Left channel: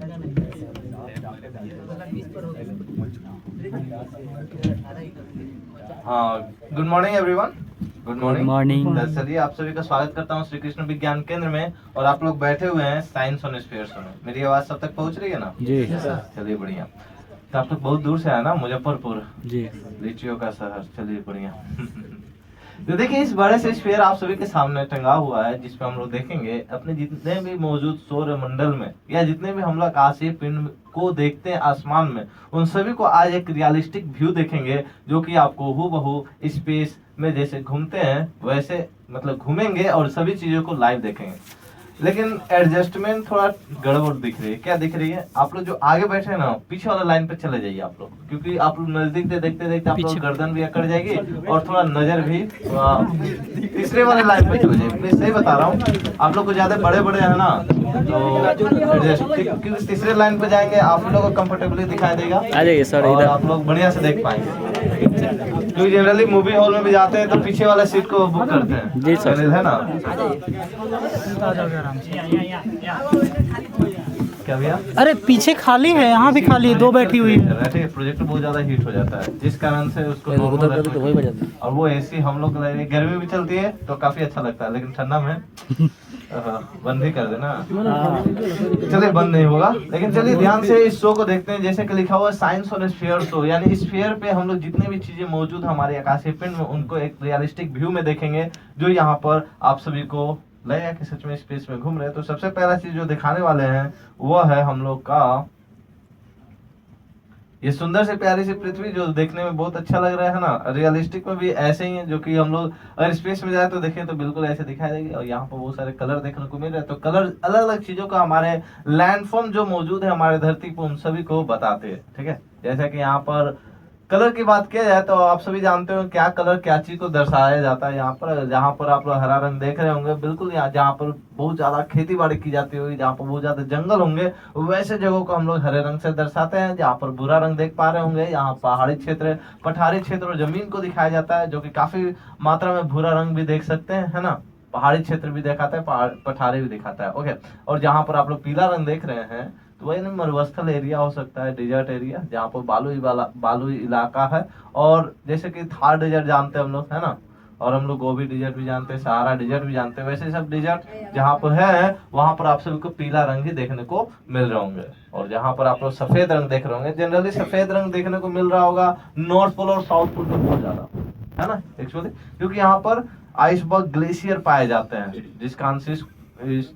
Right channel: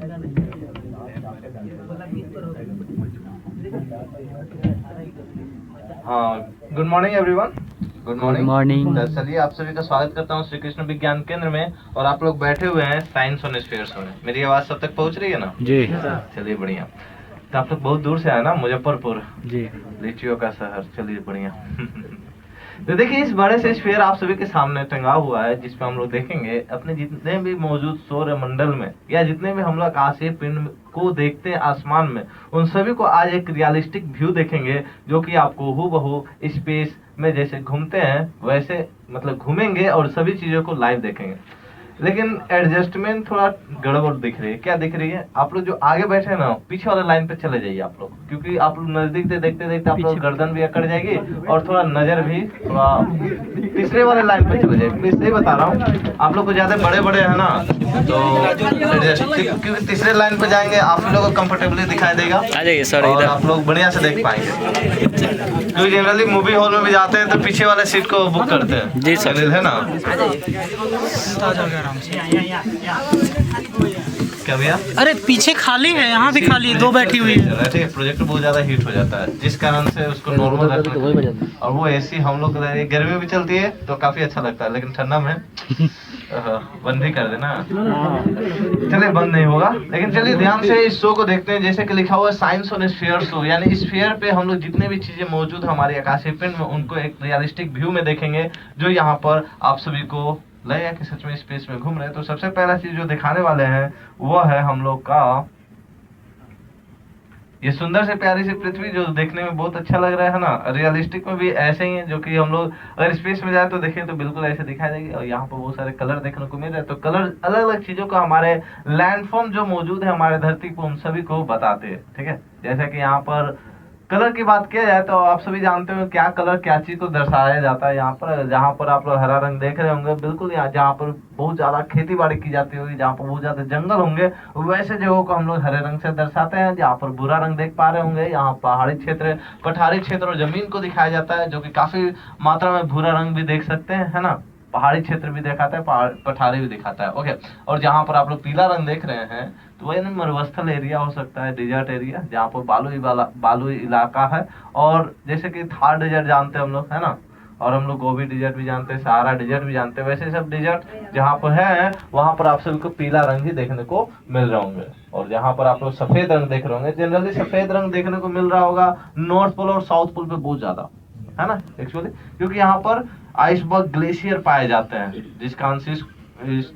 हाँ, good morning everyone. Good morning. चलिए आप सभी का स्वागत करता हूँ श्री कृष्ण विज्ञान केंद्र में। और आप लोग बैठे हुए हैं साइंस ऑन स्फीयर्स में। मेरी आवाज सब तक पहुँच रही है ना? जी। चलिए बढ़िया। तो आप लोग बहुत दूर से आए ना, मुजफ्फरपुर जी, लीचियों का शहर। चलिए बढ़िया। तो देखिए, इस बड़े से स्फीयर आप सभी के सामने टंगा हुआ है, जिसपे हम लोग देखेंगे अपने जितने भी मौजूद सौर मंडल में या जितने भी हम लोग आकाशीय पिंड को देखते हैं आसमान में, उन सभी को आज एक रियलिस्टिक व्यू देखेंगे, जो कि आपको हूबहू स्पेस में जैसे घूमते हैं वैसे मतलब घूमेंगे और सभी चीजों को लाइव देखेंगे। लेकिन एडजस्टमेंट थोड़ा गड़बड़ दिख रही है। क्या दिख रही है? आप लोग जो आगे बैठे हैं ना, पीछे वाला लाइन पे चले जाइए आप लोग, क्योंकि आप लोग नजदीक से देखते देखते आप लोग गर्दन भी अकड़ जाएगी और थोड़ा नजर भी थोड़ा तीसरे वाले लाइन पे चले जाए। प्लीज सही बता रहा हूँ, आप लोग को ज्यादा बड़े बड़े है ना, तो एडजस्ट, क्योंकि तीसरे लाइन पे जाएंगे आप लोग को कंफर्टेबली दिखाई देगा और आप लोग बढ़िया से देख पाएंगे। क्योंकि जनरली मूवी हॉल में भी जाते हैं तो पीछे वाले सीट को बुक करते हैं जी सर, है ना? क्या भैया? अरे पीछे खाली है, यहाँ भी खाली है, दो बैठी हुई है। प्रोजेक्टर बहुत ज्यादा हीट हो जाता है, जिस कारण से उसको नॉर्मल रखना। और वो एसी हम लोग गर्मी भी चलती है तो काफी अच्छा लगता है, लेकिन ठंडा में बंद ही कर देना। चलिए बंद नहीं होगा, लेकिन चलिए ध्यान से इस शो को देखते हैं। जैसे कि लिखा हुआ है साइंस ऑन स्फीयर शो, यानी स्फीयर पे हम लोग जितने भी चीजें मौजूद हमारे आकाशीय पिंड में उनको एक रियलिस्टिक व्यू में देखेंगे, जो यहाँ पर आप सभी को लगेगा कि सच में स्पेस में घूम रहे हैं। तो सबसे पहला चीज जो दिखाने वाले हैं वो है हम लोग का ये सुंदर से प्यारी सी पृथ्वी, जो देखने में बहुत अच्छा लग रहा है ना। रियलिस्टिक में भी ऐसे ही है, जो कि हम लोग अगर स्पेस में जाए तो देखें तो बिल्कुल ऐसे दिखाई देगी। और यहाँ पर बहुत सारे कलर देखने को मिल रहे हैं, तो कलर अलग अलग चीजों का हमारे लैंडफॉर्म जो मौजूद है हमारे धरती पर उन सभी को बताते हैं। ठीक है, जैसा कि यहाँ पर कलर की बात किया जाए तो आप सभी जानते हो क्या कलर क्या चीज को दर्शाया जाता है। यहाँ पर जहाँ पर आप लोग हरा रंग देख रहे होंगे, बिल्कुल यहाँ जहाँ पर बहुत ज्यादा खेती बाड़ी की जाती होगी, जहाँ पर बहुत ज्यादा जंगल होंगे, वैसे जगहों को हम लोग हरे रंग से दर्शाते हैं। जहाँ पर भूरा रंग देख पा रहे होंगे, यहाँ पहाड़ी क्षेत्र, पठारी क्षेत्र और जमीन को दिखाया जाता है, जो कि काफी मात्रा में भूरा रंग भी देख सकते हैं, है ना। पहाड़ी क्षेत्र भी दिखाता है, पठारी भी दिखाता है। ओके, और जहाँ पर आप लोग पीला रंग देख रहे हैं तो वही मरुस्थल एरिया हो सकता है, डेजर्ट एरिया, जहाँ पर बालू इलाका है। और जैसे कि थार डेजर्ट जानते हैं हम लोग, है ना, और हम लोग गोबी डेजर्ट भी जानते हैं, सहारा डेजर्ट भी जानते हैं। वैसे सब डेजर्ट जहाँ पर है वहां पर आप सभी को पीला रंग ही देखने को मिल रहे होंगे। और जहाँ पर आप लोग सफेद रंग देख रहे होंगे, जनरली सफेद रंग देखने को मिल रहा होगा नॉर्थ पोल और साउथ पोल पे बहुत ज्यादा, है ना एक्चुअली, क्योंकि यहाँ पर आइसबर्ग ग्लेशियर पाए जाते हैं, जिस कारण से इस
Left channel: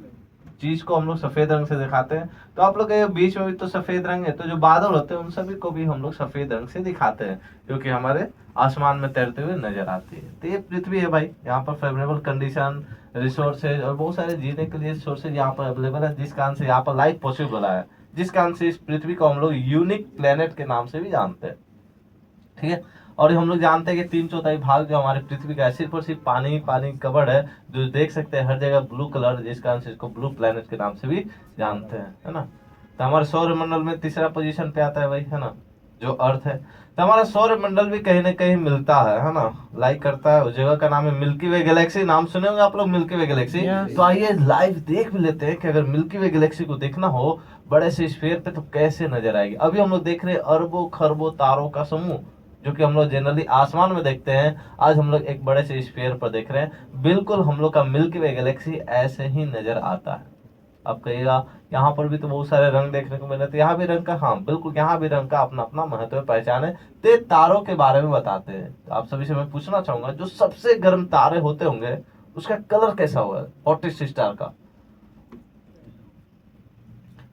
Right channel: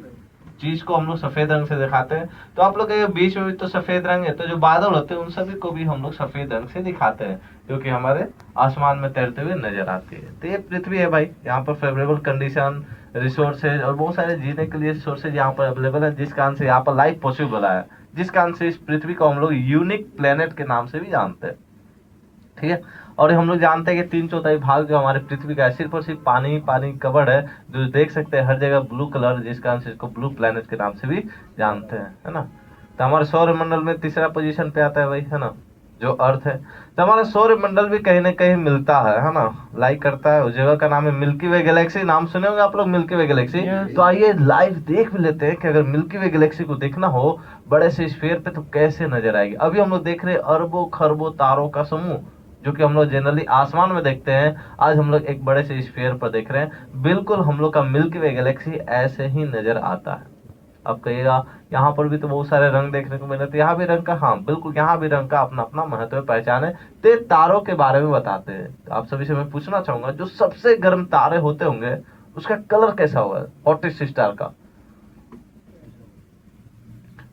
चीज को हम लोग सफेद रंग से दिखाते हैं। तो आप लोग के बीच में भी तो सफेद रंग है, तो जो बादल होते हैं उन सभी को भी हम लोग सफेद रंग से दिखाते हैं, जो कि हमारे आसमान में तैरते हुए नजर आती है। तो ये पृथ्वी है भाई, यहाँ पर फेवरेबल कंडीशन, रिसोर्सेज और बहुत सारे जीने के लिए रिसोर्सेज यहाँ पर अवेलेबल है, जिस कारण से यहाँ पर लाइफ पॉसिबल है, जिस कारण से इस पृथ्वी को हम लोग यूनिक प्लेनेट के नाम से भी जानते हैं। ठीक है, और हम लोग जानते हैं कि 3/4 भाग जो हमारे पृथ्वी का है सिर्फ और सिर्फ पानी पानी कवर्ड है, जो देख सकते हैं हर जगह ब्लू कलर, जिस कारण से इसको ब्लू प्लेनेट के नाम से भी जानते हैं, है ना। तो हमारे सौर मंडल में तीसरा पोजीशन पे आता है भाई, है ना, जो अर्थ है। तो हमारा सौर मंडल भी कहीं ना कहीं मिलता है ना, लाइक करता है। उस जगह का नाम है मिल्की वे गैलेक्सी। नाम सुने होंगे आप लोग, मिल्की वे गैलेक्सी। तो आइए लाइव देख भी लेते हैं कि अगर मिल्की वे गैलेक्सी को देखना हो बड़े से स्फीयर पे तो कैसे नजर आएगी। अभी हम लोग देख रहे हैं अरबों खरबों तारों का समूह, जो कि हम लोग जनरली आसमान में देखते हैं। आज हम लोग एक बड़े से स्फीयर पर देख रहे हैं, बिल्कुल हम लोग का मिल्की वे गैलेक्सी ऐसे ही नजर आता है। अब कहिएगा यहाँ पर भी तो बहुत सारे रंग देखने को मिले, तो यहाँ भी रंग का, हाँ बिल्कुल, यहाँ भी रंग का अपना अपना महत्व पहचान है। तो तारों के बारे में बताते हैं। तो आप सभी से मैं पूछना चाहूंगा, जो सबसे गर्म तारे होते होंगे उसका कलर कैसा होगा, हॉटेस्ट स्टार का?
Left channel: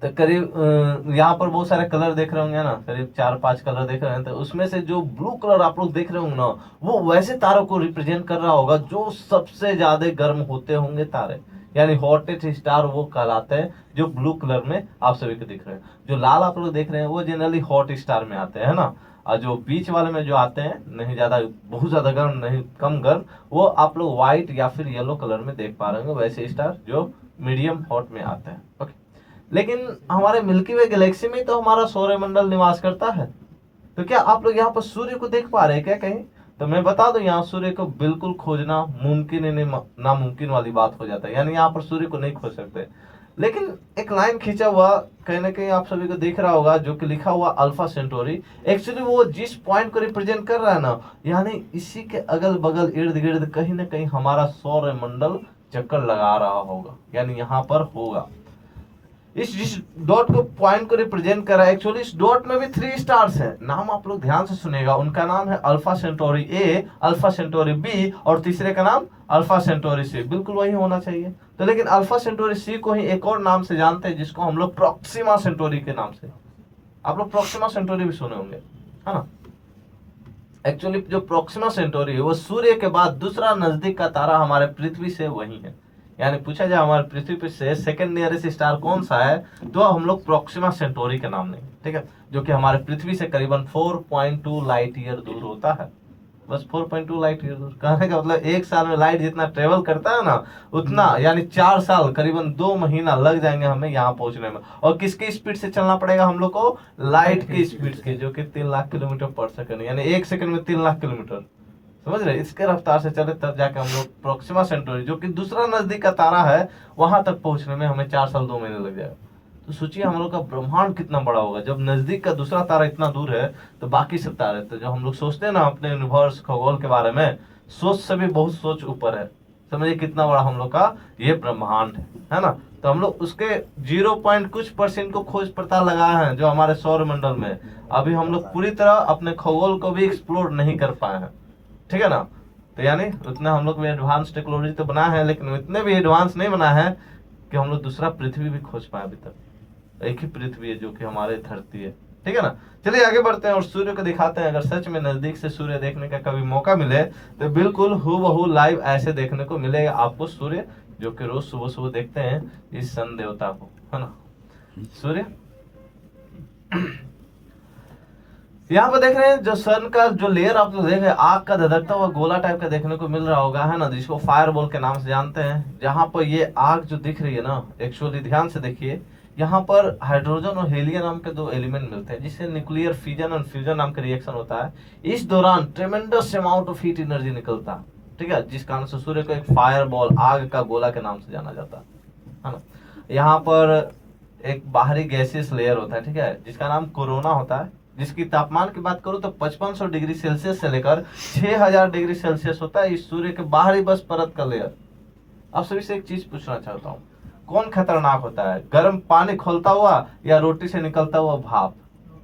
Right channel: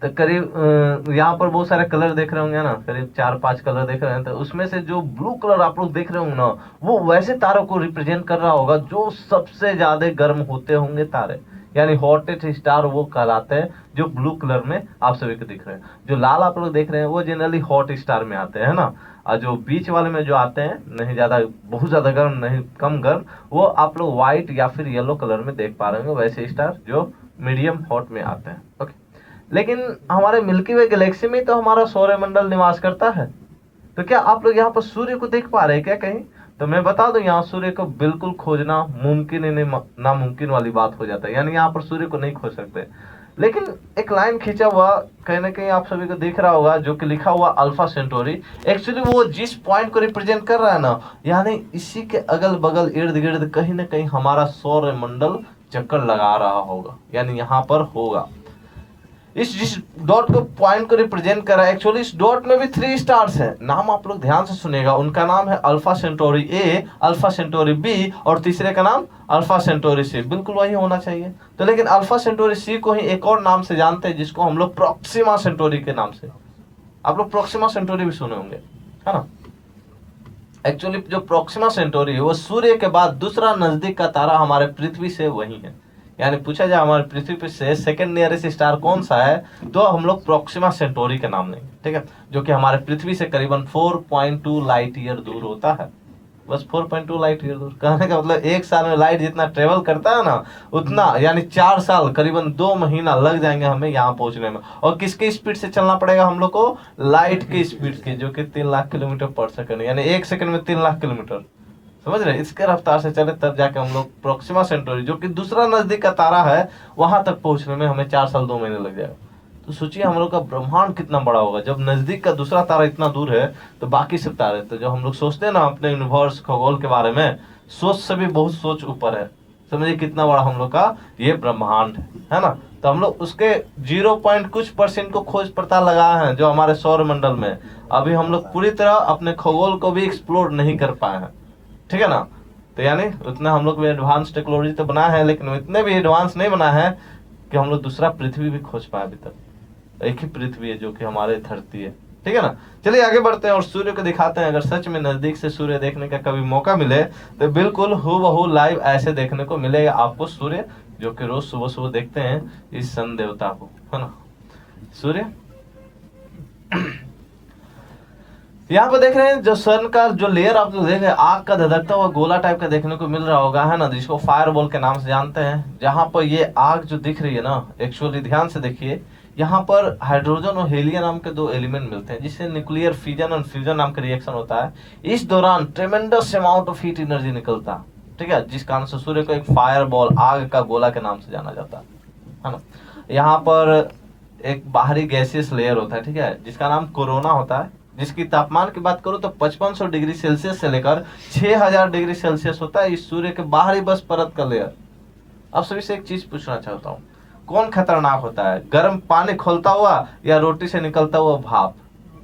तो करीब यहाँ पर बहुत सारे कलर देख रहे होंगे ना, करीब 4-5 कलर देख रहे हैं। तो उसमें से जो ब्लू कलर आप लोग देख रहे होंगे ना, वो वैसे तारों को रिप्रेजेंट कर रहा होगा जो सबसे ज्यादा गर्म होते होंगे तारे, यानी हॉटेस्ट स्टार वो कहलाते हैं, जो ब्लू कलर में आप सभी को दिख रहे हैं। जो लाल आप लोग देख रहे हैं वो जनरली हॉट स्टार में आते हैं ना, और जो बीच वाले में जो आते हैं, नहीं ज्यादा बहुत ज्यादा गर्म नहीं कम गर्म, वो आप लोग व्हाइट या फिर येलो कलर में देख पा रहे होंगे, वैसे स्टार जो मीडियम हॉट में आते हैं। ओके, लेकिन हमारे मिल्की वे गैलेक्सी में तो हमारा सौरमंडल निवास करता है। तो क्या आप लोग यहाँ पर सूर्य को देख पा रहे हैं क्या कहीं? तो मैं बता दूं, यहाँ सूर्य को बिल्कुल खोजना मुमकिन ही नहीं, नामुमकिन वाली बात हो जाता है, यानी यहाँ पर सूर्य को नहीं खोज सकते। लेकिन एक लाइन खींचा हुआ कहीं ना कहीं आप सभी को दिख रहा होगा, जो कि लिखा हुआ अल्फा सेंटोरी। एक्चुअली वो जिस पॉइंट को रिप्रेजेंट कर रहा है ना, यानी इसी के अगल बगल इर्द गिर्द कहीं ना कहीं हमारा सौर मंडल चक्कर लगा रहा होगा, यानी यहाँ पर होगा। इस जिस डॉट को पॉइंट को रिप्रेजेंट कर रहा है, एक्चुअली इस डॉट में भी 3 स्टार्स हैं। नाम आप लोग ध्यान से सुनेगा, उनका नाम है Alpha Centauri A, Alpha Centauri B और तीसरे का नाम अल्फा सेंटोरी सी। बिल्कुल वही होना चाहिए। तो लेकिन अल्फा सेंटोरी सी को ही एक और नाम से जानते हैं, जिसको हम लोग प्रोक्सिमा सेंटोरी के नाम से, आप लोग प्रोक्सिमा सेंटोरी भी सुने होंगे, है ना। एक्चुअली जो प्रोक्सिमा सेंटोरी है वो सूर्य के बाद दूसरा नजदीक का तारा हमारे पृथ्वी से वही है। यानी पूछा जाए हमारे पृथ्वी पे से सेकंड नियरेस्ट स्टार कौन सा है, तो हम लोग प्रोक्सिमा सेंटोरी के नाम लेंगे, ठीक है, जो कि हमारे पृथ्वी से करीबन 4.2 लाइट ईयर दूर होता है। बस 4.2 लाइट ईयर दूर, कहने का मतलब एक साल में लाइट जितना ट्रेवल करता है ना, उतना यानी 4 साल करीबन 2 महीना लग जाएंगे हमें यहाँ पहुंचने में। और किसके स्पीड से चलना पड़ेगा हम लोग को, लाइट की स्पीड के, जो कि 3 लाख किलोमीटर पर सेकंड, यानी 1 सेकंड में 3 लाख किलोमीटर, समझ रहे। इसके रफ्तार से चले तब जाके हम लोग प्रोक्सिमा सेंटोरी, जो कि दूसरा नजदीक का तारा है, वहां तक पहुंचने में हमें 4 साल 2 महीने लग जाएगा। तो सोचिए हम लोग का ब्रह्मांड कितना बड़ा होगा। जब नजदीक का दूसरा तारा इतना दूर है, तो बाकी सब तारे, तो जो हम लोग सोचते हैं ना अपने यूनिवर्स खगोल के बारे में, सोच से भी बहुत सोच ऊपर है। समझिए कितना बड़ा हम लोग का ये ब्रह्मांड है ना। तो हम लोग उसके 0 पॉइंट कुछ % को खोज पता लगाए हैं जो हमारे सौर मंडल में। अभी हम लोग पूरी तरह अपने खगोल को भी एक्सप्लोर नहीं कर पाए हैं, ठीक है ना। तो यानी उतना हम लोग भी एडवांस टेक्नोलॉजी तो बना है, लेकिन इतने भी एडवांस नहीं बना है कि हम लोग दूसरा पृथ्वी भी खोज पाए अभी तक। एक ही पृथ्वी है जो कि हमारे धरती है, ठीक है ना। चलिए आगे बढ़ते हैं और सूर्य को दिखाते हैं। अगर सच में नजदीक से सूर्य देखने का कभी मौका मिले, तो बिल्कुल हूबहू लाइव ऐसे देखने को मिलेगा आपको सूर्य, जो कि रोज सुबह सुबह देखते हैं इस सन देवता को, है ना, सूर्य। यहाँ पे देख रहे हैं जो सन का जो लेयर आप लोग देख रहे हैं, आग का धधकता हुआ गोला टाइप का देखने को मिल रहा होगा, है ना, जिसको फायरबॉल के नाम से जानते हैं। जहाँ पर ये आग जो दिख रही है ना, एक्चुअली ध्यान से देखिए, यहाँ पर हाइड्रोजन और हीलियम नाम के 2 एलिमेंट मिलते हैं, जिससे न्यूक्लियर फिजन और फ्यूजन नाम का रिएक्शन होता है। इस दौरान ट्रेमेंडस अमाउंट ऑफ हीट एनर्जी निकलता है, ठीक है, जिस कारण से सूर्य को एक फायरबॉल, आग का गोला के नाम से जाना जाता है ना। यहाँ पर एक बाहरी गैसियस लेयर होता है, ठीक है, जिसका नाम कोरोना होता है, जिसकी तापमान की बात करूं तो 5500 डिग्री सेल्सियस से लेकर 6000 डिग्री सेल्सियस होता है इस सूर्य के बाहरी बस परत का लेयर। अब सभी से एक चीज पूछना चाहता हूँ, कौन खतरनाक होता है, गर्म पानी खोलता हुआ या रोटी से निकलता हुआ भाप?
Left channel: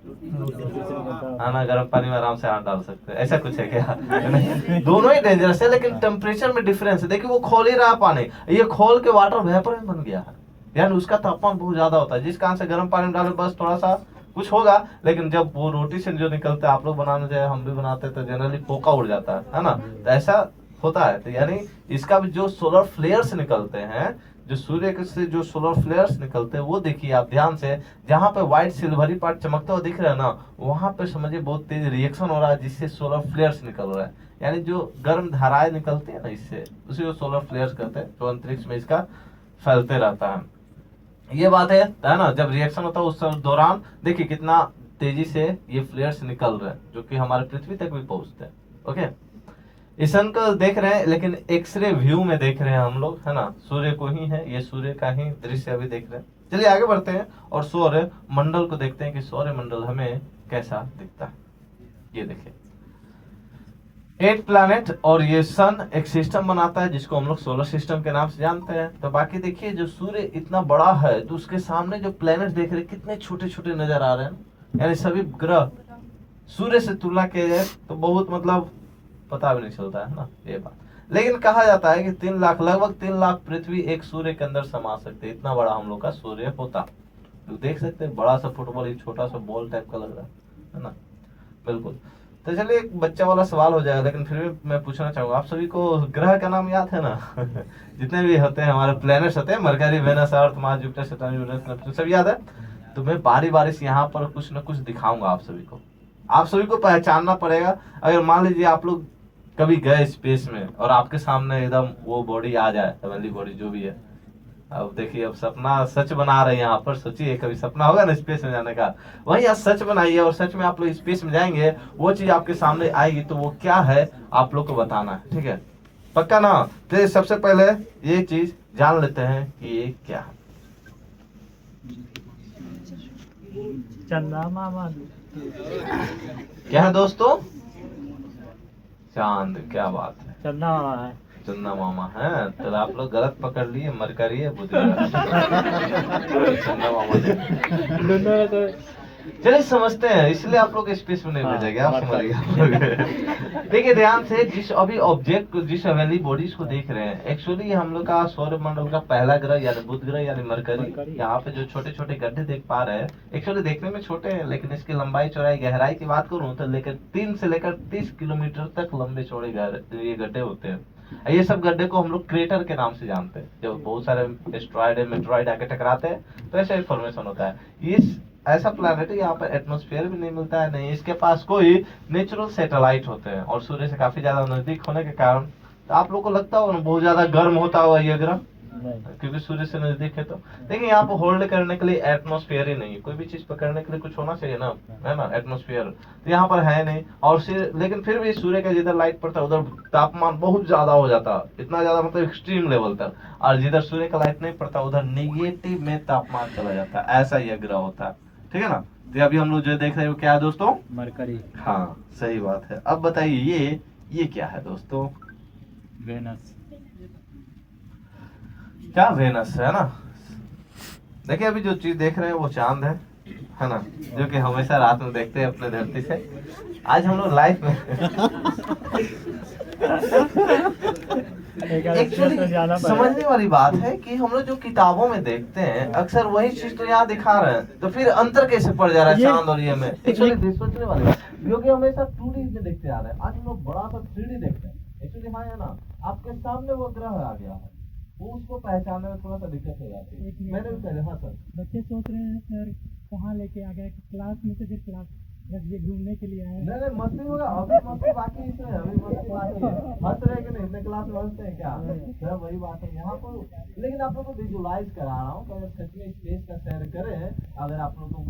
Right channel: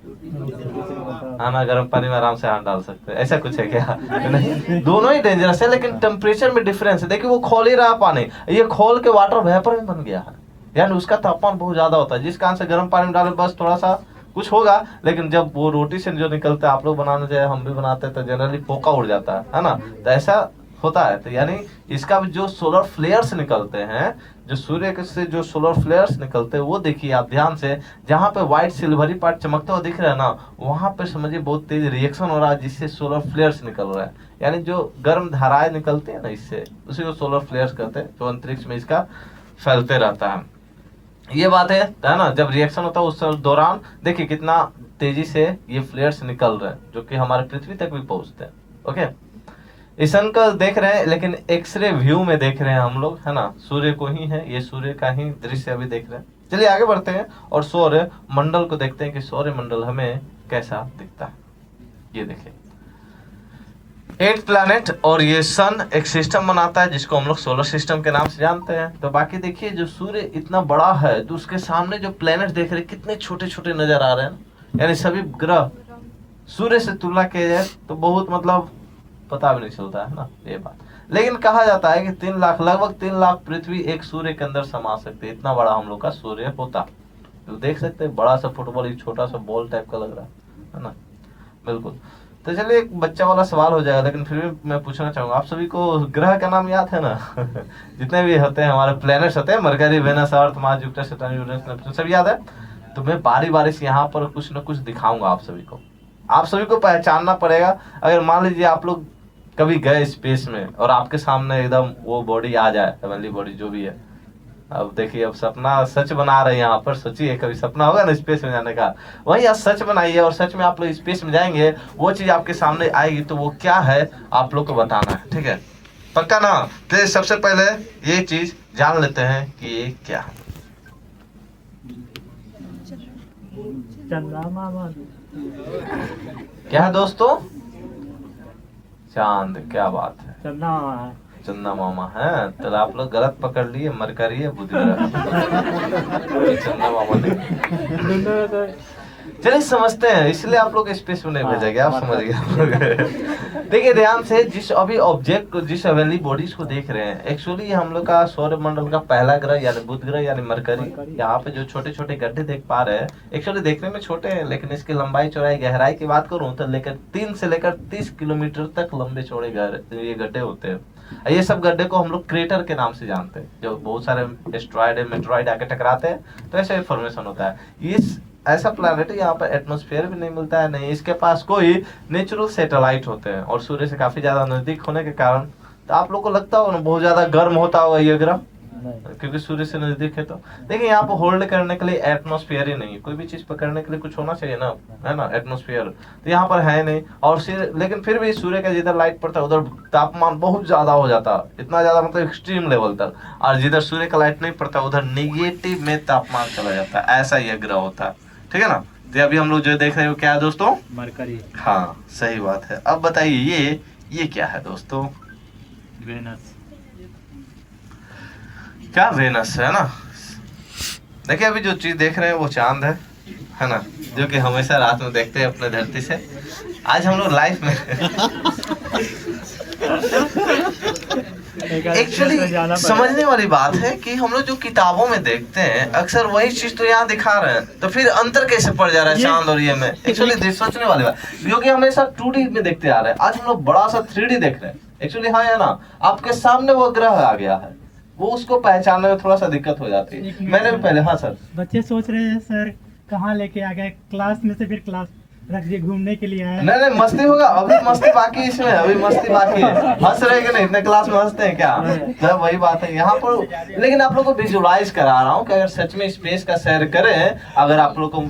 है ना, गर्म पानी में आराम से हाथ डाल सकते हैं, ऐसा कुछ है क्या? नहीं, दोनों ही डेंजरस है, लेकिन टेम्परेचर में डिफरेंस है। देखिए वो खोल ही रहा पानी, ये खोल के वाटर वेपर में बन गया है, यानी उसका तापमान बहुत ज्यादा होता है, जिस कारण से गर्म पानी में डाले बस थोड़ा सा कुछ होगा। लेकिन जब वो रोटी से जो निकलता है, आप लोग बनाने जाए, हम भी बनाते हैं, तो जनरली पोका उड़ जाता है ना, तो ऐसा होता है। तो यानी इसका भी जो सोलर फ्लेयर्स निकलते हैं, जो सूर्य के से जो सोलर फ्लेयर्स निकलते हैं, वो देखिए आप ध्यान से, जहाँ पे व्हाइट सिल्वरी पार्ट चमकता हुआ दिख रहा है ना, वहां पे समझिए बहुत तेज रिएक्शन हो रहा है, जिससे सोलर फ्लेयर्स निकल रहा है। यानी जो गर्म धाराएं निकलती है ना, इससे उसी को सोलर फ्लेयर्स कहते हैं, जो अंतरिक्ष में इसका फैलते रहता है। ये बात है ना, जब रिएक्शन होता है उस दौरान देखिए कितना तेजी से ये फ्लेयर्स निकल रहे हैं, जो कि हमारे पृथ्वी तक भी पहुंचते हैं। ओके, इस सन का देख रहे हैं, लेकिन एक्सरे व्यू में देख रहे हैं हम लोग, है ना, सूर्य को ही है, ये सूर्य का ही दृश्य अभी देख रहे हैं। चलिए आगे बढ़ते हैं और सौर मंडल को देखते हैं कि सौर मंडल हमें कैसा दिखता है। ये देखिए 8 प्लैनेट और ये सन एक सिस्टम बनाता है, जिसको हम लोग सोलर सिस्टम के नाम से जानते हैं। तो बाकी देखिए जो सूर्य इतना बड़ा है, तो उसके सामने जो प्लैनेट देख रहे हैं कितने छोटे छोटे नजर आ रहे हैं, यानी सभी ग्रह सूर्य से तुलना किया जाए तो बहुत मतलब पता भी नहीं चलता है ना ये बात। लेकिन कहा जाता है कि 3 लाख, लगभग 3 लाख पृथ्वी एक सूर्य के अंदर समा सकते हैं, इतना बड़ा हम लोग का सूर्य होता। तो देख सकते हैं बड़ा सा फुटबॉल, एक छोटा सा बॉल टाइप का लग रहा है ना, बिल्कुल। तो चलिए एक बच्चा वाला सवाल हो जाएगा, लेकिन फिर भी मैं पूछना चाहूंगा, आप सभी को ग्रह का नाम याद है ना? जितने भी होते हैं हमारे प्लैनेट्स होते हैं, Mercury, Venus, Earth, Mars, Jupiter, Saturn, Uranus, Neptune, सब याद है। तो मैं बारी बारी से यहाँ पर कुछ न कुछ दिखाऊंगा आप सभी को, आप सभी को पहचानना पड़ेगा। अगर मान लीजिए आप लोग कभी गए स्पेस में और आपके सामने एकदम वो बॉडी आ जाए, हेवनली बॉडी जो भी है, अब देखिए अब सपना सच बना रहे हैं यहाँ पर, सोचिए कभी सपना होगा ना स्पेस में जाने का, वही आज सच बनाइए और सच में आप लोग स्पेस में जाएंगे, वो चीज आपके सामने आएगी, तो वो क्या है आप लोग को बताना है, ठीक है, पक्का ना? तो सबसे पहले ये चीज जान लेते हैं कि ये क्या है। चंदा मामा। क्या है दोस्तों? चांद। क्या बात है, चंदा मामा है। चंदा मामा है। तो आप लोग गलत पकड़ लिए, मरकरी है, बुध ग्रह। चंदा मामा नहीं। चलिए समझते हैं, इसलिए आप लोग स्पेस में नहीं भेजा गया, आप समझिए आप लोग। देखिए ध्यान से, जिस अभी ऑब्जेक्ट को, जिस हेवनली बॉडीज को देख रहे हैं, एक्चुअली हम लोग का सौर मंडल का पहला ग्रह यानी बुध ग्रह यानी मरकरी। यहाँ पे जो छोटे छोटे गड्ढे देख पा रहे हैं, एक्चुअली देखने में छोटे हैं, लेकिन इसकी लंबाई चौड़ाई गहराई की बात करूँ तो लेकर 3 से लेकर 30 किलोमीटर तक लंबे चौड़े ये गड्ढे होते हैं। ये सब गड्ढे को हम लोग क्रेटर के नाम से जानते हैं। जब बहुत सारे एस्ट्रॉयड मेट्रॉयड आके टकराते हैं तो ऐसा इन्फॉर्मेशन होता है। इस ऐसा प्लैनेट है, यहाँ पर एटमॉस्फेयर भी नहीं मिलता है, नहीं इसके पास कोई नेचुरल सैटेलाइट होते हैं, और सूर्य से काफी ज्यादा नजदीक होने के कारण तो आप लोग को लगता होगा ना बहुत ज्यादा गर्म होता होगा ये ग्रह, क्योंकि सूर्य से नजदीक है। तो देखिए यहाँ पर होल्ड करने के लिए एटमॉस्फेयर ही नहीं है, कोई भी चीज पकड़ने के लिए कुछ होना चाहिए ना, है ना, एटमॉस्फेयर तो यहाँ पर है नहीं। और लेकिन फिर भी सूर्य का जिधर लाइट पड़ता है उधर तापमान बहुत ज्यादा हो जाता है, इतना ज्यादा मतलब एक्सट्रीम लेवल तक, और जिधर सूर्य का लाइट नहीं पड़ता उधर निगेटिव में तापमान चला जाता है। ऐसा यह ग्रह होता है, ठीक है ना। तो अभी हम लोग जो देख रहे हैं वो क्या है दोस्तों? मरकरी। हाँ सही बात है। अब बताइए ये क्या है दोस्तों? वेनस। क्या वेनस है ना। देखिए अभी जो चीज देख रहे हैं वो चांद है ना, जो कि हमेशा रात में देखते हैं अपने धरती से। आज हम लोग लाइफ में एक्चुअली समझने वाली बात है कि हम लोग जो किताबों में देखते हैं अक्सर वही चीज तो यहाँ दिखा रहे हैं, तो फिर अंतर कैसे पड़ जा रहा है चांद और ये में? एक्चुअली सोचने वाली बात, क्योंकि हमेशा 2D में देखते आ रहे हैं, आज हम लोग बड़ा सा 3D देख रहे हैं। एक्चुअली हाँ है ना, आपके सामने वो ग्रह आ गया है, वो उसको पहचानने में थोड़ा सा दिक्कत हो जाती है। मैंने भी पहले, हाँ सर, बच्चे सोच रहे हैं सर कहाँ लेके आ गए, क्लास में से फिर क्लास रख दिए, घूमने के लिए आए। नहीं नहीं मस्ती होगा, अभी मस्ती बाकी है इसमें, अभी मस्ती बाकी है। हंस रहे कि नहीं? इतने क्लास में हंसते हैं क्या? तो वही बात है यहाँ पर। लेकिन आप लोग को विजुलाइज करा रहा हूँ कि अगर सच में स्पेस का सैर करें, अगर आप लोग को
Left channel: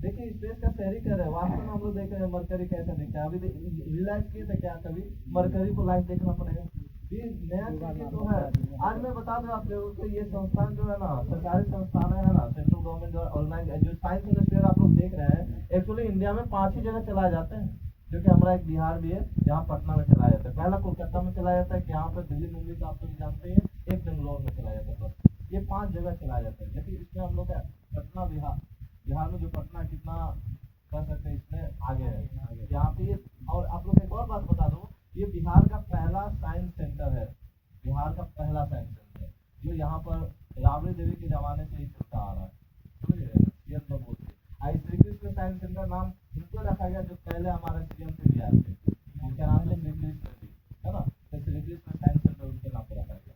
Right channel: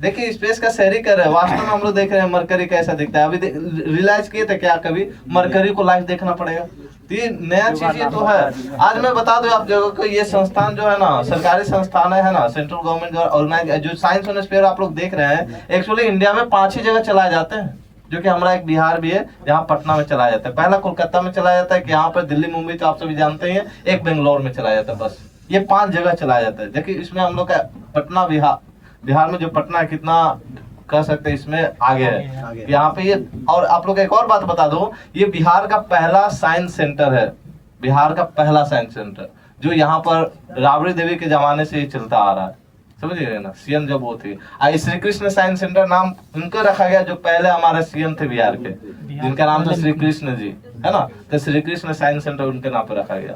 देखिए स्पेस का सैर ही कर रहे हैं, वास्तव में हम लोग देख रहे हैं मरकरी कैसा दिखता है। अभी रियलाइज किए थे क्या कभी मरकरी को लाइव देखना पड़ेगा? ये नया चीज ये तो है। आज मैं बता दूं आप लोगों को, ये संस्थान जो है ना, सरकारी संस्थान है ना, सेंट्रल गवर्नमेंट द्वारा ऑर्गेनाइज, जो साइंस स्पेयर आप लोग देख रहे हैं, एक्चुअली इंडिया में 5 ही जगह चलाए जाते हैं, जो कि हमारा एक बिहार भी है जहाँ पटना में चलाया जाता है। पहला कोलकाता में चलाया जाता है, कि यहाँ पर दिल्ली मुंबई तो आप सभी जानते ही हैं, एक बेंगलोर में चलाया जाता है, बस ये 5 जगह चलाया जाता है। देखिए इसमें हम लोग का पटना, बिहार में जो पटना है कितना कह सकते हैं इसमें आगे है यहाँ पे ये। और आप लोग एक और बात बता दो, ये बिहार का पहला साइंस सेंटर है, बिहार का पहला साइंस सेंटर, जो यहाँ पर राबड़ी देवी के जमाने से ये चलता आ रहा है, समझिए ना। सीएम जब वो थी, श्री कृष्ण साइंस सेंटर नाम उनको रखा गया, जो पहले हमारे सीएम थे बिहार के, जिनका नाम था श्री कृष्ण जी, है ना, तो श्री कृष्ण साइंस सेंटर उनके नाम पर रखा गया,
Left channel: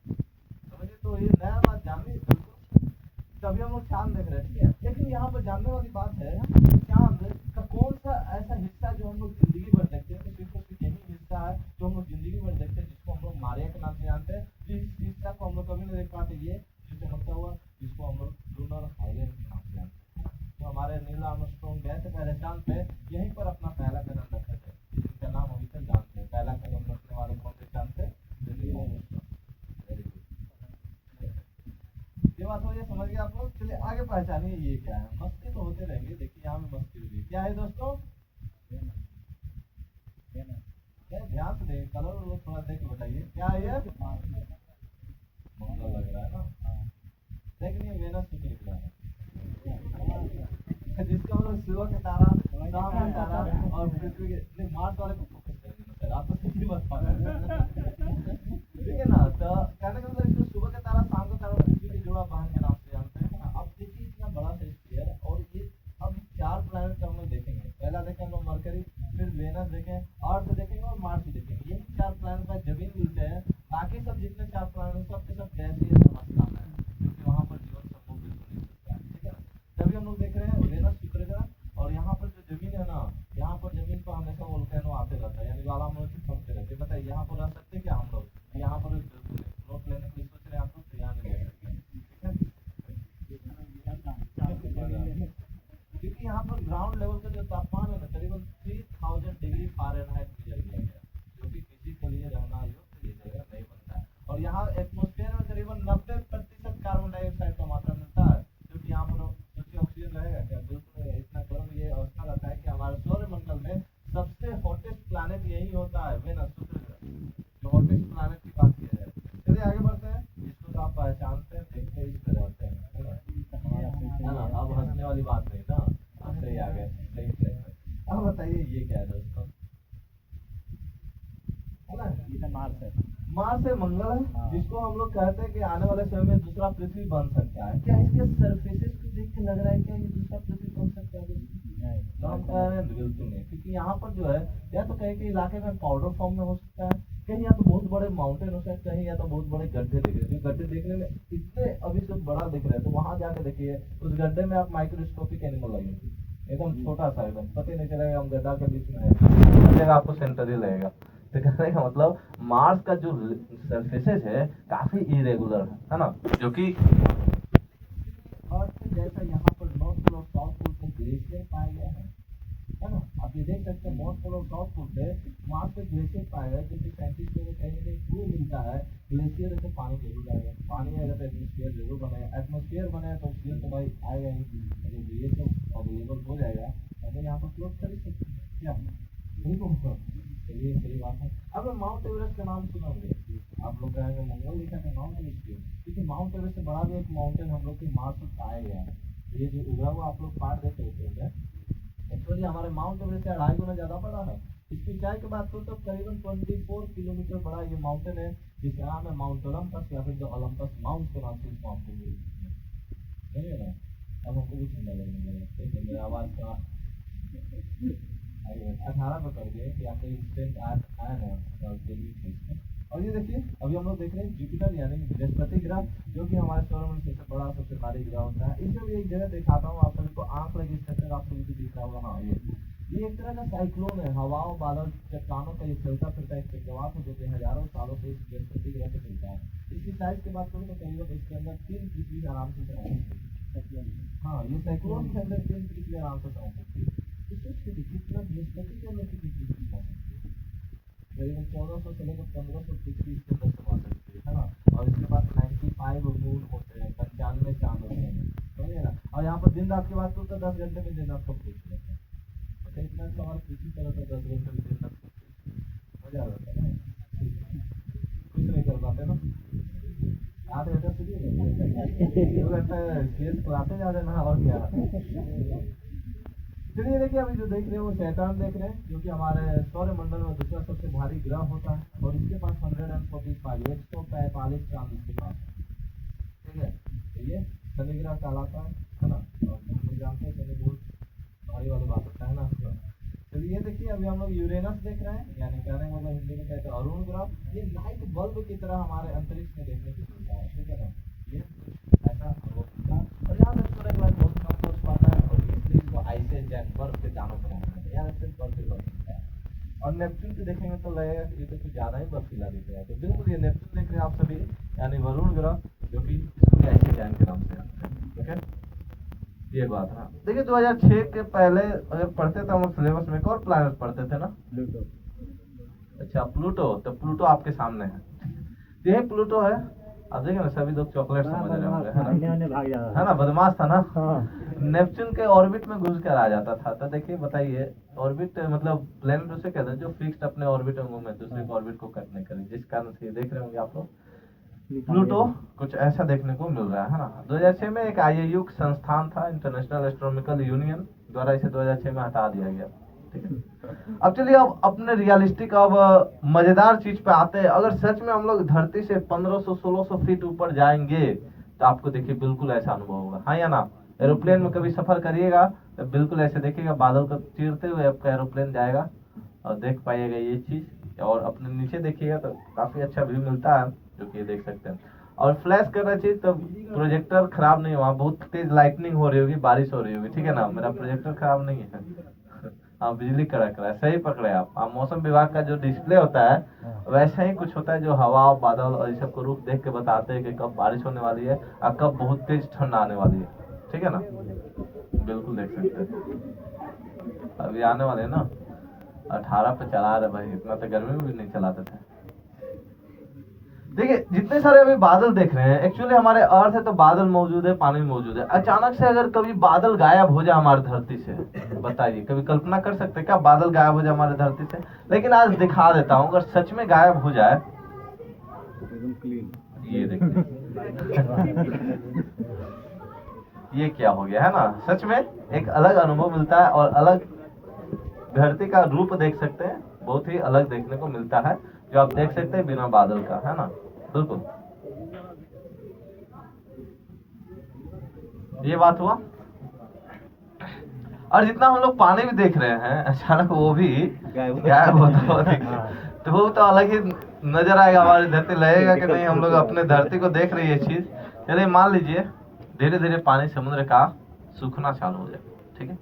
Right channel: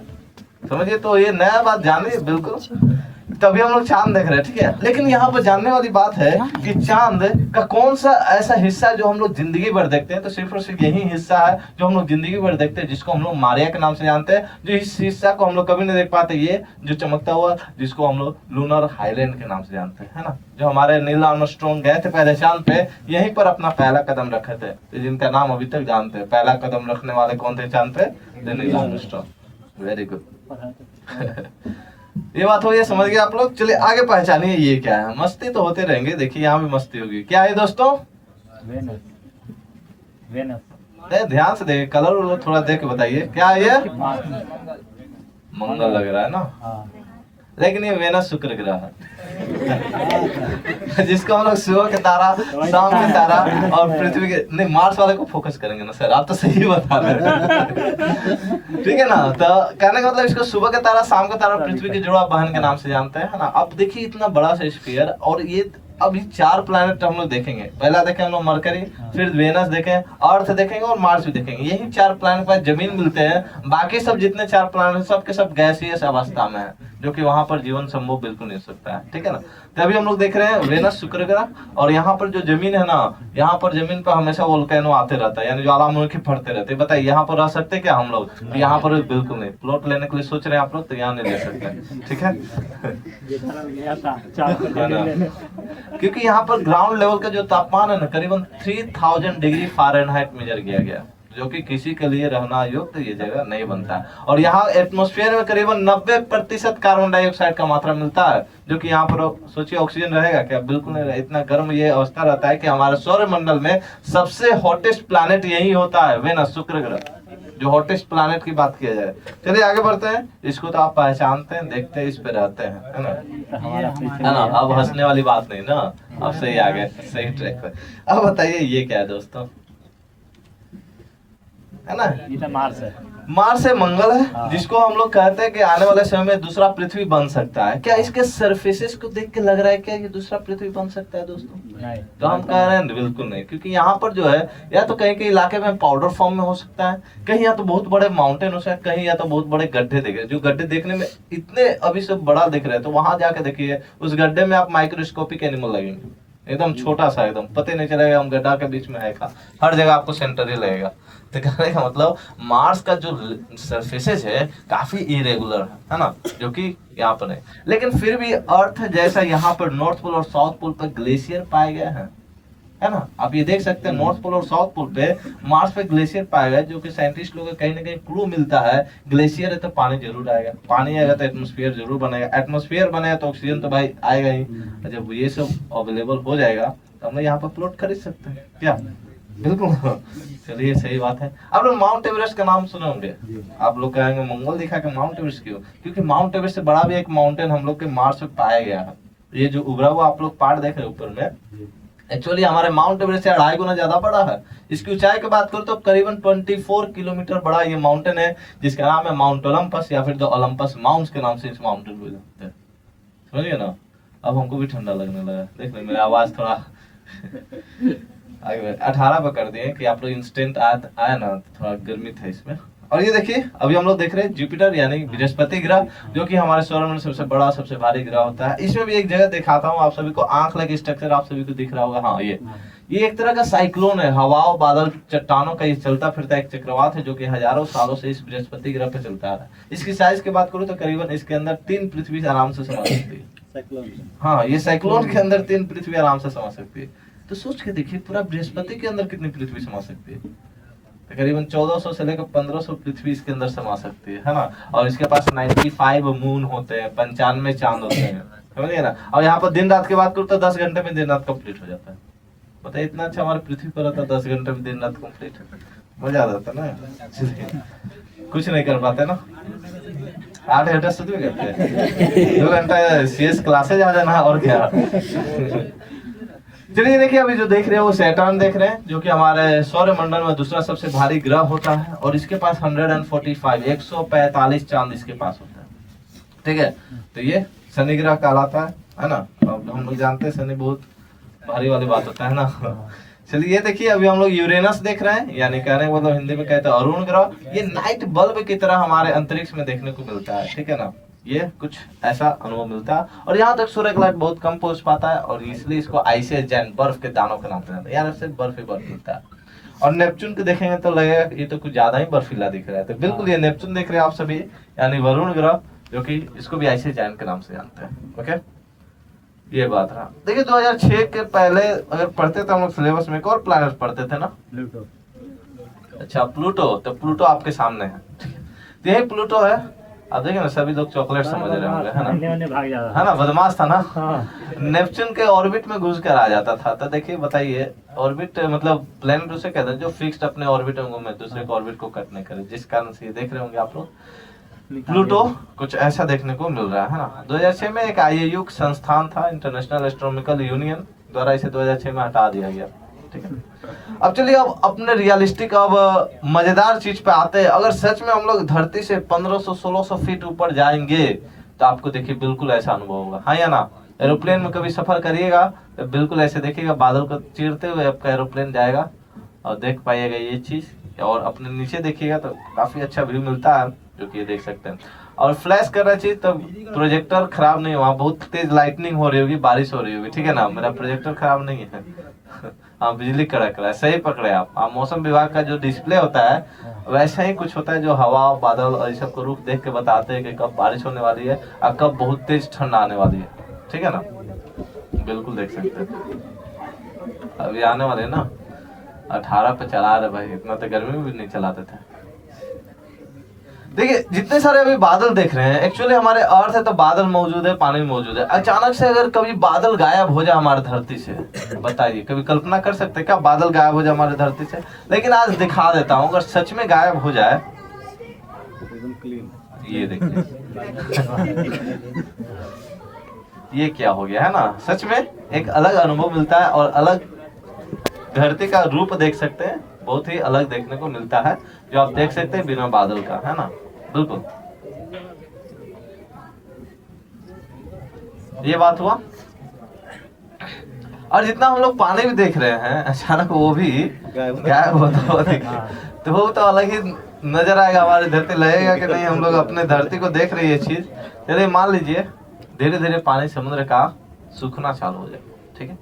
समझिए। तो ये नया बात जानिए बिल्कुल, तभी हम लोग चांद देख रहे हैं, ठीक है। लेकिन यहाँ पर जानने वाली बात है कि चांद का कौन सा ऐसा हिस्सा है जो हम लोग जिंदगी भर देखते हैं, तो सिर्फ और सिर्फ यही हिस्सा है जो हम लोग जिंदगी भर देखते हैं, जिसको हम लोग मारिया के नाम से जानते हैं। जो इस हिस्सा को हम लोग कभी नहीं देख पाते, ये जो चमकता हुआ, जिसको हम लोग लूनर हाईलैंड के नाम से जानते हैं, है ना। जो हमारे नील आर्मस्ट्रांग गए थे पहले चांद पे, यहीं पर अपना पहला कदम रखे थे, तो जिनका नाम अभी तक जानते हैं। पहला कदम रखने वाले कौन थे चांद पे? Neil Armstrong. Very good. ये बात हो, ये समझ गए आप लोग। चलिए आगे पहचानिए ये क्या है। मस्ती तो होते रहेंगे, देखिए यहाँ भी मस्ती होगी। क्या है दोस्तों? वेनस। वेनस। ध्यान से देखिए, कलर थोड़ा देख के बताइए क्या है ये? मंगल लग रहा है ना, लेकिन ये वेनस शुक्र ग्रह है, जिसको हम लोग सुबह के तारा, शाम के तारा और पृथ्वी के नहीं, मार्स वाले को फोकस करेंगे ना सर, आप तो सही बता रहे हैं। ठीक है ना, तो कहने का मतलब इसको सुबह का तारा, शाम का तारा, पृथ्वी की जुड़वा बहन के नाम से जानते हैं, है ना। अब देखिए इतना बड़ा सा स्फीयर, और ये अभी 4 प्लैनेट हम लोग देखेंगे। पहला देखें हम लोग मरकरी, फिर वेनस देखें, अर्थ देखेंगे और मार्स भी देखेंगे। यही 4 प्लैनेट पर जमीन मिलते हैं, बाकी सब जितने 4 प्लैनेट सब के सब गैसीय अवस्था में है, जो कि वहां पर जीवन संभव बिल्कुल नहीं हो सकता है, ठीक है ना। तो अभी हम लोग देख रहे हैं वेनस शुक्र ग्रह, और यहाँ पर जो जमीन है ना, यहाँ पर जमीन पर हमेशा वोल्केनो आते रहता है, यानी ज्वालामुखी फटते रहते हैं। बताइए यहाँ पर रह सकते क्या हम लोग? तो यहाँ पर बिल्कुल नहीं। प्लॉट लेने के लिए सोच रहे हैं आप लोग, तो यहाँ नहीं ले सकते, ठीक है। क्योंकि यहाँ पर ग्राउंड लेवल का जो तापमान है ना, करीबन 3000 डिग्री फ़ारेनहाइट मेजर किया गया, जो कि किसी के लिए रहना योग्य ये जगह नहीं बनता है। और यहाँ एटमॉस्फेयर में करीबन 90% कार्बन डाइऑक्साइड का मात्रा मिलता है, जो कि यहाँ पर सोचिए ऑक्सीजन रहेगा क्या? बिल्कुल नहीं रहेगा। इतना गर्म ये अवस्था रहता है कि हमारे सौरमंडल में सबसे हॉटेस्ट प्लैनेट यही होता है, वेनस, शुक्र ग्रह, जो हॉटेस्ट प्लैनेट की बात किया जाए। चलिए आगे बढ़ते हैं। इसको तो आप पहचानते हैं, देखते हैं, इस पे रहते हैं, है ना? अब हंसने वाली बात नहीं ना, अब सही आ गए, सही ट्रैक पे। अब बताइए ये क्या है दोस्तों, है ना? ये तो मार्स है। मार्स है, मंगल है, हाँ। जिसको हम लोग कहते हैं कि आने वाले समय में दूसरा पृथ्वी बन सकता है। क्या इसके सरफेसेस को देख के लग रहा है क्या ये दूसरा पृथ्वी बन सकता है दोस्तों? नहीं। तो हम कह रहे हैं बिल्कुल नहीं, क्योंकि यहाँ पर जो है या तो कहीं कहीं इलाके में पाउडर फॉर्म में हो सकता है, कहीं या तो बहुत बड़े माउंटेन हो सकता है, कहीं या तो बहुत बड़े गड्ढे दिख रहे हैं, जो गड्ढे देखने में इतने अभी से बड़ा दिख रहे हैं, तो वहां जाके देखिए उस गड्ढे में आप माइक्रोस्कोपिक एनिमल लगेंगे, एकदम छोटा सा, एकदम पता नहीं चलेगा हम गड्ढा के बीच में है कहाँ, हर जगह आपको सेंटर ही लगेगा। तो कहने का मतलब मार्स का जो सरफेसेस है काफी इरेगुलर है ना, जो कि यहाँ पर है। लेकिन फिर भी अर्थ जैसा यहाँ पर नॉर्थ पोल और साउथ पोल पर ग्लेशियर पाए गए हैं, है ना? आप ये देख सकते हैं नॉर्थ पोल और साउथ पोल पे मार्स पे ग्लेशियर पाया गया, जो कि साइंटिस्ट लोगों को कहीं ना कहीं क्लू मिलता है ग्लेशियर है तो पानी जरूर आएगा, पानी आएगा तो एटमॉस्फेयर जरूर बनेगा, एटमॉस्फेयर बनेगा तो ऑक्सीजन तो भाई आएगा ही। जब ये सब अवेलेबल हो जाएगा तो हम लोग यहाँ पर प्लॉट खरीद सकते हैं क्या? बिल्कुल। चलिए सही बात है। आप लोग माउंट एवरेस्ट का नाम सुने होंगे। आप लोग कहेंगे मंगल दिखा के माउंट एवरेस्ट क्यों? क्योंकि माउंट एवरेस्ट से बड़ा भी एक माउंटेन हम लोग के मार्स पे पाया गया है। ये जो उभरा हुआ आप लोग पहाड़ देख रहे हैं ऊपर में, एक्चुअली हमारे माउंट एवरेस्ट से 2.5 गुना ज्यादा बड़ा है। इसकी ऊंचाई की बात करूं तो करीबन 24 किलोमीटर बड़ा ये माउंटेन है, जिसका नाम है माउंट ओलंपस, या फिर द ओलंपस माउंट्स के नाम से इस माउंटेन को जानते हैं। समझिए ना, अब हमको भी ठंडा लगने लगा। देख ले मेरी आवाज थोड़ा 18 पे कर दिए कि आप लोग इंस्टेंट आया ना, थोड़ा गर्मी था इसमें। और ये देखिए अभी हम लोग देख रहे हैं जुपिटर यानी बृहस्पति ग्रह, जो कि हमारे सौरमंडल सबसे बड़ा सबसे भारी ग्रह होता है। इसमें भी एक जगह दिखाता हूँ आप सभी को, आंख लगे स्ट्रक्चर आप सभी को दिख रहा होगा। हाँ, ये एक तरह का साइक्लोन है, हवाओं बादल चट्टानों का ये चलता फिरता एक चक्रवात है, जो कि हजारों सालों से इस बृहस्पति ग्रह पे चलता है। इसकी साइज की बात करूँ तो करीबन इसके अंदर 3 पृथ्वी आराम से समा सकती है। हाँ, ये साइक्लोन के अंदर 3 पृथ्वी आराम से समा सकती है। तो सोच के देखिए पूरा बृहस्पति के अंदर कितनी पृथ्वी समा सकती है? तकरीबन 1400 से लेकर 1500 पृथ्वी इसके अंदर समा सकती है ना। और इसके पास 95 मून होते हैं, 95 चांद होते हैं, समझिए ना। और यहाँ पर दिन रात की बात करूँ तो 10 घंटे में दिन रात कंप्लीट हो जाता है। पता है इतना अच्छा हमारे पृथ्वी पर रहता है, 10 घंटे में दिन रात कंप्लीट है। मजा आ जाता है ना। कुछ नहीं कर पाते ना, 8 घंटा सुध भी करते हैं, 2 घंटा CS क्लासेज आ जाना और क्या। चलिए देखिए अभी जो देख रहे हैं वो सैटर्न देख रहे हैं, जो कि हमारे सौरमंडल में दूसरा सबसे भारी ग्रह होता है, और इसके पास 145 चांद इसके पास होता है। ठीक है, तो ये शनि ग्रह कहलाता है ना। अब हम लोग जानते हैं शनि बहुत भारी वाली बात होता है ना। चलिए ये देखिए अभी हम लोग यूरेनस देख रहे हैं, यानी कहने का मतलब हिंदी में कहते हैं अरुण ग्रह। ये नाइट बल्ब की तरह हमारे अंतरिक्ष में देखने को मिलता है, ठीक है ना। ये कुछ ऐसा अनुभव मिलता है, और यहाँ तक सूर्य का लाइट बहुत कम पहुंच पाता है, और इसलिए इसको आइस जैन बर्फ के दानों के नाम से जानते हैं। यार सिर्फ बर्फ ही बर्फ मिलता है। और नेपच्यून को देखेंगे तो लगेगा ये तो कुछ ज्यादा ही बर्फीला दिख रहा है। तो बिल्कुल ये नेपच्यून देख रहे हैं आप सभी, यानी वरुण ग्रह, जो कि इसको भी आइस जैन के नाम से जानते हैं। ओके, ये बात रहा। देखिए 2006 के पहले अगर पढ़ते थे हम लोग सिलेबस में, एक और प्लैनेट पढ़ते थे ना, प्लूटो। अच्छा प्लूटो, तो प्लूटो आपके सामने है। तो यही प्लूटो है। अब देखिए ना सभी लोग चॉकलेट समझ रहे होंगे, है ना, भाग जाता है ना, बदमाश था ना। हाँ। नेपच्यून के ऑर्बिट में घुस कर आ जाता था। तो देखिए बताइए, ऑर्बिट मतलब प्लेनेट उसे कहते हैं जो फिक्स्ड अपने ऑर्बिट में घूमे, दूसरे के ऑर्बिट को कट नहीं करे, जिस कारण से ये देख रहे होंगे आप लोग प्लूटो कुछ ऐसा देखने को मिल रहा है ना। 2006 में एक IAU संस्थान था, इंटरनेशनल एस्ट्रोनॉमिकल यूनियन द्वारा इसे 2006 में हटा दिया गया। ठीक है, अब चलिए अब अपने रियलिस्टिक अब मजेदार चीज पे आते हैं। अगर सच में हम लोग धरती से 1500-1600 फीट ऊपर जाएंगे तो आपको देखिए बिल्कुल ऐसा अनुभव होगा, हाँ या ना। एरोप्लेन में कभी सफर करिएगा तो बिल्कुल ऐसे देखिएगा, बादल को चीरते हुए आपका एरोप्लेन जाएगा और देख पाइएगा ये चीज। और अपने नीचे देखिएगा तो काफी अच्छा व्यू मिलता है, जो कि ये देख सकते हैं। और फ्लैश कर रहा चीज तो प्रोजेक्टर खराब नहीं हुआ, बहुत तेज लाइटनिंग हो रही होगी, बारिश हो रही होगी, ठीक है ना। मेरा प्रोजेक्टर खराब नहीं है। हाँ, बिजली कड़क रहा है, सही पकड़े आप। मौसम विभाग का जो डिस्प्ले होता है वैसा ही कुछ होता है, जो हवा बादल और इस सब को रुख देख के बताते हैं कि कब बारिश होने वाली है और कब बहुत तेज ठंड आने वाली है, ठीक है ना। बिल्कुल देख सकते हैं अभी आने वाले है ना। 18 पे चला रहे भाई, इतना तो गर्मी में भी नहीं चलाते थे। देखिए जितने सारे अभी बादल देख रहे हैं, एक्चुअली हमारे अर्थ है तो बादल मौजूद है, पानी मौजूद है। अचानक से अगर कभी बादल गायब हो जाए हमारे धरती से, बताइए कभी कल्पना कर सकते हैं क्या बादल गायब हो जाए हमारे धरती से? लेकिन आज दिखा देता हूँ, अगर सच में गायब हो जाए, ये देखिए ये क्या हो गया है ना, सच में एक अलग अनुभव मिलता है और अलग धरती का रूप देख सकते हैं, बहुत ही अलग देखने को मिलता है, जो आप देख सकते हैं बिना बादल का, है ना। बिल्कुल ये बात हुआ। और जितना हम लोग पानी भी देख रहे हैं, अचानक वो भी गायब होता हुआ दिखे तो वो तो अलग ही नजर आएगा, हमारी धरती लगेगा कि नहीं हम लोग अपने धरती को देख रही है चीज। चलिए मान लीजिए धीरे धीरे पानी समुद्र का सूखना चालू हो जाए, ठीक है।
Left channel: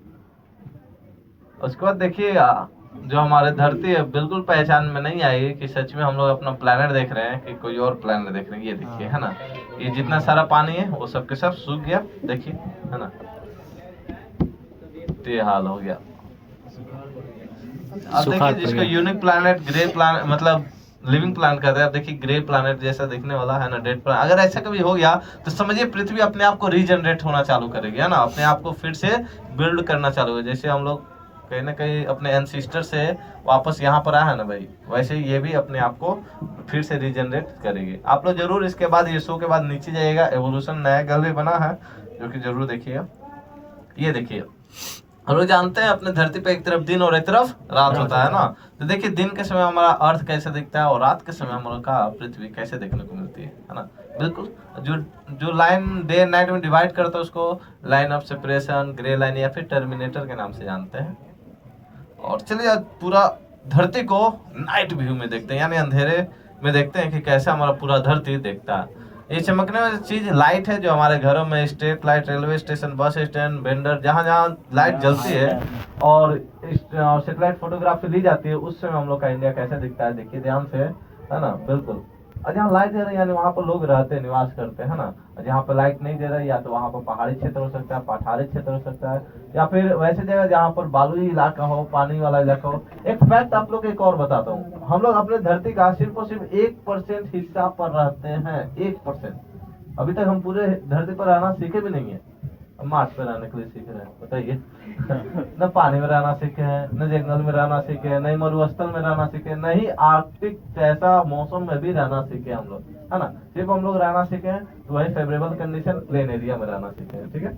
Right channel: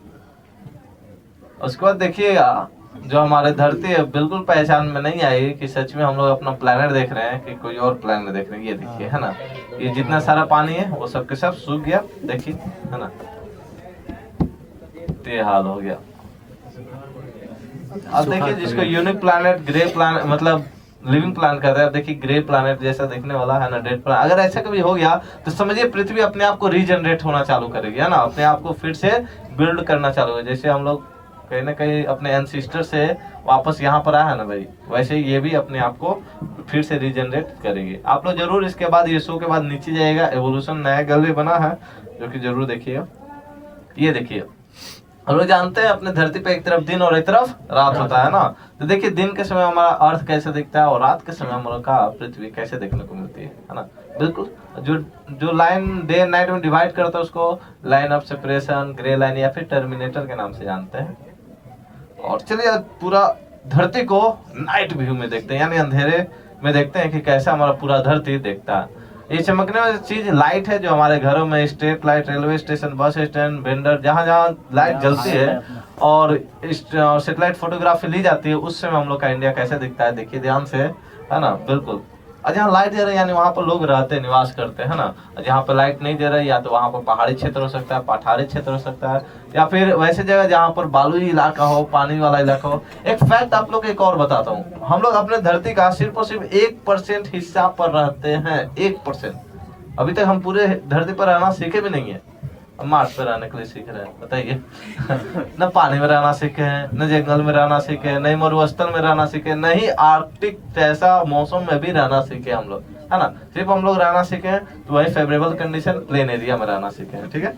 उसके बाद देखिएगा जो हमारे धरती है बिल्कुल पहचान में नहीं आएगी कि सच में हम लोग अपना प्लेनेट देख रहे हैं कि कोई और प्लेनेट देख रहे हैं। ये देखिए है ना, ये जितना सारा पानी है वो सब के सब सूख गया, देखिए है ना, ये हाल हो गया। अब देखिए जिसको यूनिक प्लैनेट, ग्रे प्लैनेट मतलब लिविंग प्लैनेट कहते हैं, अब देखिए ग्रे प्लैनेट जैसा दिखने वाला है ना, डेड प्लैनेट। अगर ऐसा कभी हो गया तो समझिए पृथ्वी अपने आप को रीजनरेट होना चालू करेगी, है ना, अपने आप को फिर से बिल्ड करना चालू होगा। जैसे हम लोग कहीं ना कहीं अपने एंसिस्टर से वापस यहाँ पर आया है ना भाई, वैसे ही ये भी अपने आप को फिर से रीजनरेट करेगी। आप लोग जरूर इसके बाद ये शो के बाद नीचे जाइएगा, एवोल्यूशन नया गर्ल भी बना है जो कि जरूर देखिएगा। ये देखिए हम लोग जानते हैं अपने धरती पे एक तरफ दिन और एक तरफ रात होता है ना, तो देखिए दिन के समय हमारा अर्थ कैसे दिखता है और रात के समय हमारा का पृथ्वी कैसे देखने को मिलती है ना। बिल्कुल जो लाइन डे एंड नाइट में डिवाइड करता है उसको line of separation, grey line या फिर टर्मिनेटर के नाम से जानते हैं। और चलिए पूरा धरती को नाइट व्यू में देखते हैं, यानी अंधेरे में देखते हैं कि कैसा हमारा पूरा धरती देखता है। ये चमकने वाली चीज लाइट है जो हमारे घरों में street light, railway station, bus stand, vendor, जहाँ जहाँ लाइट जलती है और सैटेलाइट फोटोग्राफी ली जाती है, उस समय हम लोग का इंडिया कैसे दिखता है देखिए ध्यान से, है ना। बिल्कुल और जहाँ लाइट जल रही है यानी वहाँ पर लोग रहते निवास करते हैं ना। जहाँ पर लाइट नहीं जल रही या तो वहाँ पर पहाड़ी क्षेत्र हो सकता है, पठारी क्षेत्र हो सकता है, या फिर वैसे जगह जहाँ पर बालुई इलाका हो, पानी वाला इलाका हो। एक फैक्ट आप लोग एक और बताता हूँ, हम लोग अपने धरती का सिर्फ और सिर्फ 1% हिस्सा पर रहते हैं, 1%। अभी तक हम पूरे धरती पर रहना सीखे भी नहीं है, मार्स पे रहने के लिए सीख रहे हैं, बताइए न पानी में रहना सीखे हैं, न जंगल में रहना सीखे हैं, न मरुस्थल में रहना सीखे, न ही आर्कटिक जैसा मौसम में भी रहना सीखे हम लोग, है ना। सिर्फ हम लोग रहना सीखे हैं तो वही फेवरेबल कंडीशन प्लेन एरिया में रहना सीखे हैं, ठीक है।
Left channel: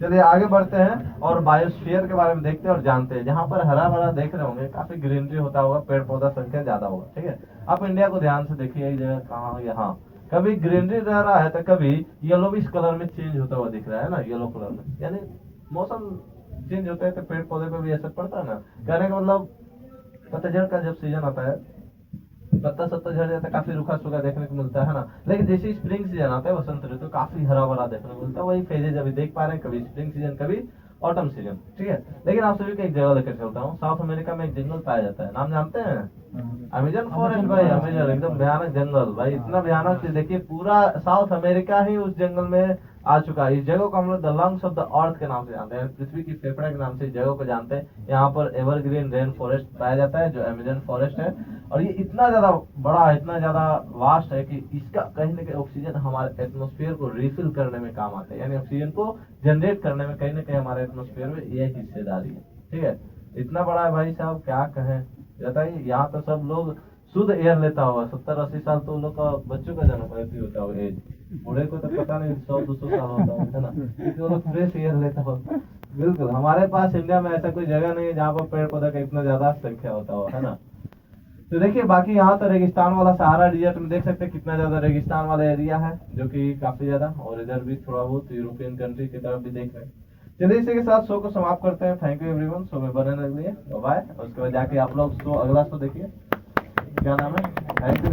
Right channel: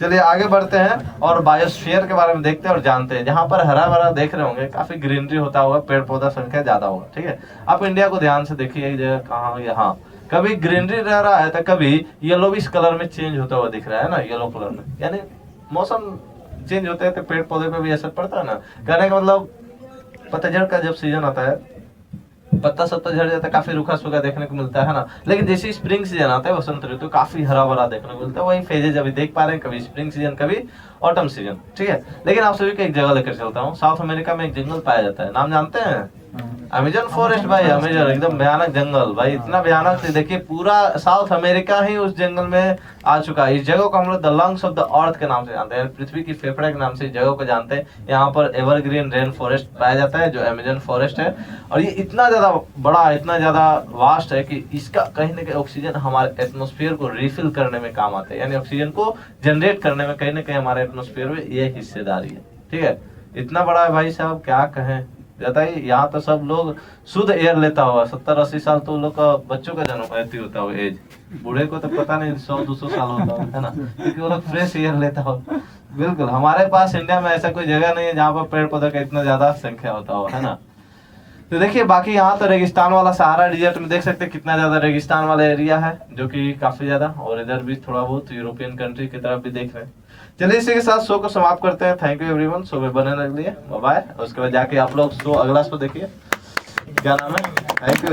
चलिए आगे बढ़ते हैं और बायोस्फीयर के बारे में देखते हैं और जानते हैं। जहाँ पर हरा भरा देख रहे होंगे काफी ग्रीनरी होता होगा, पेड़ पौधा संख्या ज्यादा होगा, ठीक है। आप इंडिया को ध्यान से देखिए, एक जगह कहाँ, यहाँ कभी ग्रीनरी रह रहा है तो कभी येलोविश कलर में चेंज होता हुआ दिख रहा है ना, येलो कलर में, यानी मौसम चेंज होता है तो पेड़ पौधे पे भी असर पड़ता है ना। कहने का मतलब पतझड़ का जब सीजन आता है पत्ता सब तो झड़ जाता है, काफी रूखा सूखा देखने को मिलता है ना। लेकिन जैसे स्प्रिंग सीजन आता है, वसंत ऋतु, काफी हरा भरा देखने को मिलता है। वही फेजेज अभी देख पा रहे हैं, कभी स्प्रिंग सीजन कभी ऑटम सीजन, ठीक है। लेकिन आप सभी को एक जगह लेकर चलता हूँ, साउथ अमेरिका में एक जंगल पाया जाता है, नाम जानते हैं? अमेजन फॉरेस्ट भाई, अमेजन एकदम भयानक जंगल भाई, इतना भयानक देखिए पूरा साउथ अमेरिका ही उस जंगल में आ चुका है। इस जगह को हम लोग the lungs of the earth के नाम से जानते हैं, पृथ्वी की फेफड़े के नाम से इस जगह को जानते हैं। यहाँ पर एवरग्रीन रेन फॉरेस्ट पाया जाता है जो अमेजन फॉरेस्ट है, और ये इतना ज्यादा बड़ा, इतना ज्यादा वास्ट है कि इसका कहीं ना कहीं ऑक्सीजन हमारे एटमोस्फेयर को रिफिल करने में काम आता है, यानी ऑक्सीजन को जनरेट करने में कहीं ना कहीं हमारे एटमोस्फेयर में ये हिस्सेदारी है, ठीक है। इतना बड़ा है भाई साहब, क्या कहें, बताइए। यहाँ तो सब लोग शुद्ध एयर लेता होगा, 70-80 साल तो लोग का बच्चों का जन्म ऐसी होता हो एज, बूढ़े को तो पता नहीं 100-200 साल होता है ना, क्योंकि वो लोग फ्रेश एयर लेता हो। बिल्कुल हमारे पास इंडिया में ऐसा कोई जगह नहीं है जहाँ पर पेड़ पौधे का इतना ज्यादा संख्या होता हो, है ना। तो देखिए बाकी यहाँ तो रेगिस्तान वाला सहारा डिजर्ट में देख सकते हैं कितना ज्यादा रेगिस्तान वाला एरिया है, जो कि काफी ज्यादा, और इधर भी थोड़ा बहुत यूरोपियन कंट्री की तरफ भी देख रहे हैं। चलिए इसी के साथ शो को समाप्त करते हैं। थैंक यू एवरीवन, शो में बने रहने के लिए, बाय बाय। उसके बाद जाके आप लोग शो अगला शो देखिए, क्या नाम है, थैंक यू।